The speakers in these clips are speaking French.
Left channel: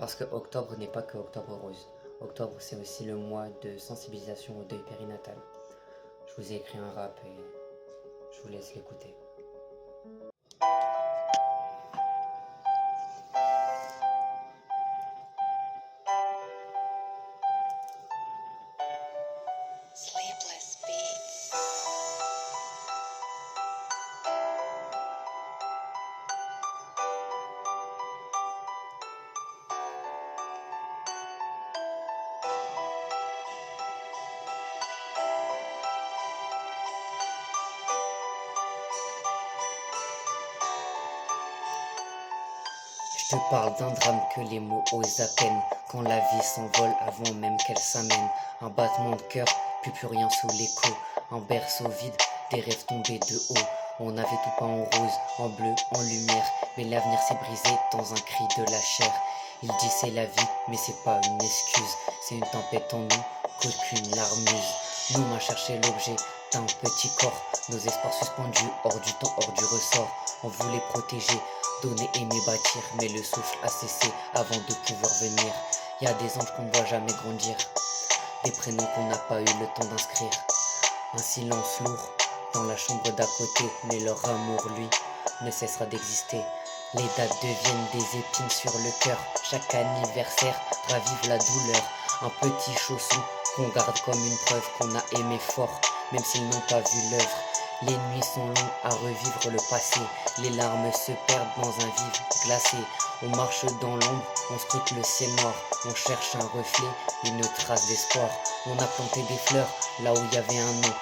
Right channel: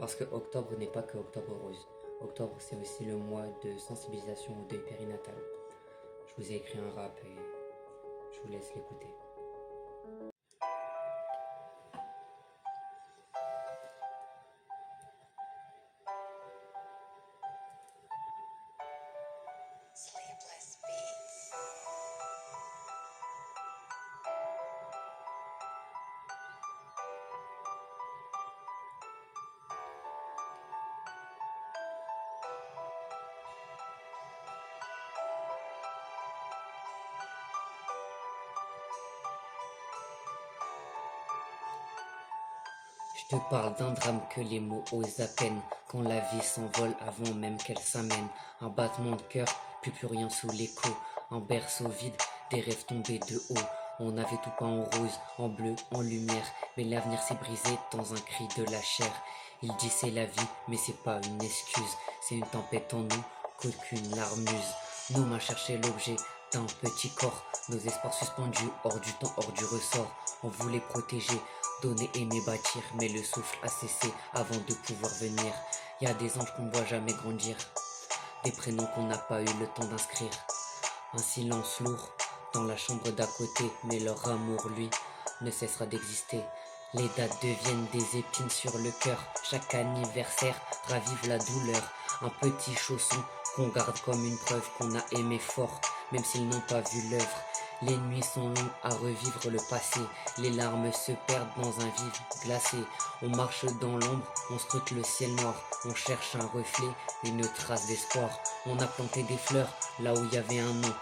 Parce que octobre n'est pas que octobre rose. Octobre, c'est aussi le mois de sensibilisation au deuil périnatal. Je vous ai écrit un rap et je vous laisse l'écouter. Sleepless Beats. Je te parle d'un drame que les mots osent à peine, quand la vie s'envole avant même qu'elle s'amène. Un battement de cœur, puis plus rien sous l'écho. Un berceau vide, des rêves tombés de haut. On avait tout peint en rose, en bleu, en lumière, mais l'avenir s'est brisé dans un cri de la chair. Il dit c'est la vie, mais c'est pas une excuse, c'est une tempête en nous qu'aucune larme use. Nous m'a cherché l'objet d'un petit corps, nos espoirs suspendus hors du temps, hors du ressort. On voulait protéger, donner, aimer, bâtir, mais le souffle a cessé avant de pouvoir venir. Y a des anges qu'on ne voit jamais grandir, des prénoms qu'on n'a pas eu le temps d'inscrire. Un silence lourd dans la chambre d'à côté, mais leur amour, lui, ne cessera d'exister. Les dates deviennent des épines sur le cœur, chaque anniversaire ravive la douleur. Un petit chausson qu'on garde comme une preuve qu'on a aimé fort, même s'ils n'ont pas vu l'œuvre. Les nuits sont longues à revivre le passé, les larmes se perdent dans un vide glacé. On marche dans l'ombre, on scrute le ciel noir, on cherche un reflet, une trace d'espoir. On a planté des fleurs là où il y avait un nom,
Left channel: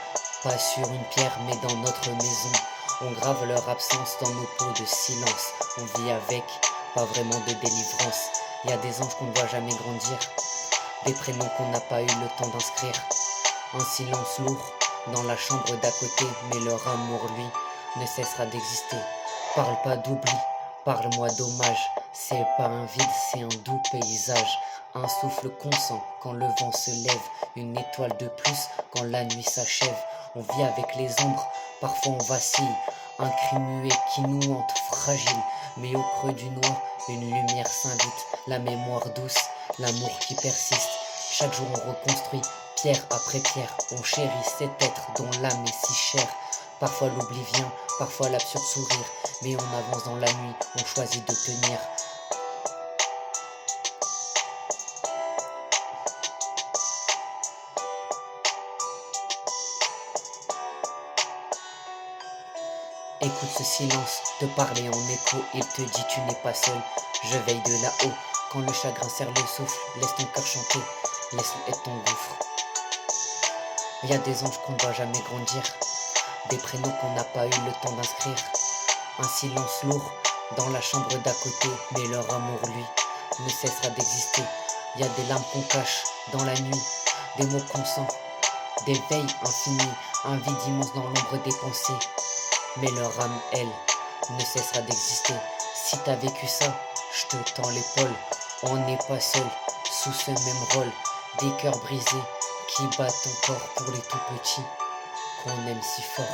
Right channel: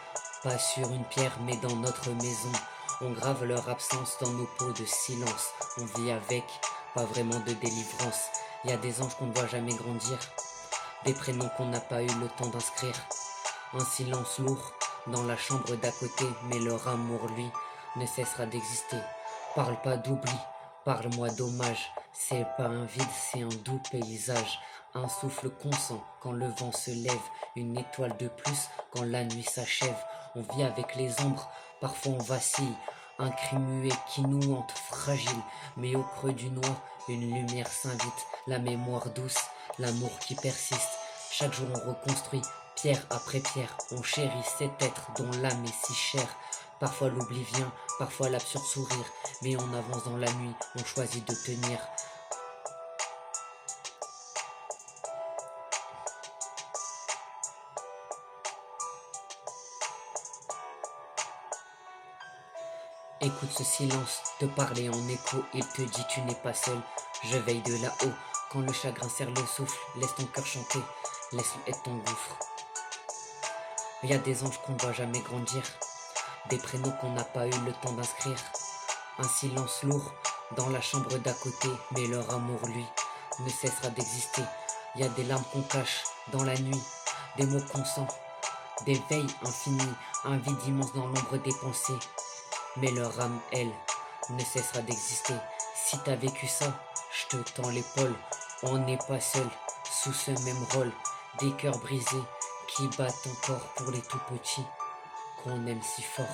pas sur une pierre mais dans notre maison. On grave leur absence dans nos peaux de silence, on vit avec, pas vraiment de délivrance. Y a des anges qu'on ne voit jamais grandir, des prénoms qu'on n'a pas eu le temps d'inscrire. Un silence lourd dans la chambre d'à côté, mais leur amour, lui, ne cessera d'exister. Parle pas d'oubli, parle-moi d'hommage. C'est pas un vide, c'est un doux paysage. Un souffle consent quand le vent se lève, une étoile de plus quand la nuit s'achève. On vit avec les ombres, parfois on vacille. Un cri muet qui nous hante, fragile, mais au creux du noir, une lumière s'invite. La mémoire douce, l'amour qui persiste. Chaque jour on reconstruit, pierre après pierre, on chérit cet être dont l'âme est si chère. Parfois l'oubli vient, parfois l'absurde sourire, mais on avance dans la nuit, on choisit de tenir. Écoute ce silence, te parler en écho, il te dit tu n'es pas seul. Je veille de là-haut, quand le chagrin serre le souffle, laisse ton cœur chanter, laisse-le être ton gouffre. Il y a des anges qu'on ne voit jamais grandir, des prénoms qu'on n'a pas eu le temps d'inscrire. Un silence lourd dans la chambre d'à côté, mais leur amour, lui, ne cessera d'exister. Il y a des larmes qu'on cache dans la nuit, des mots qu'on sent, des veilles infinies, un vide immense dans l'ombre des pensées. Mais leur âme, elle, ne cessera d'exister. Si t'as vécu ça, je te tends l'épaule. On n'est pas seul sous ce même rôle. Des cœurs brisés qui battent encore pour les tout petits qu'on aime si fort.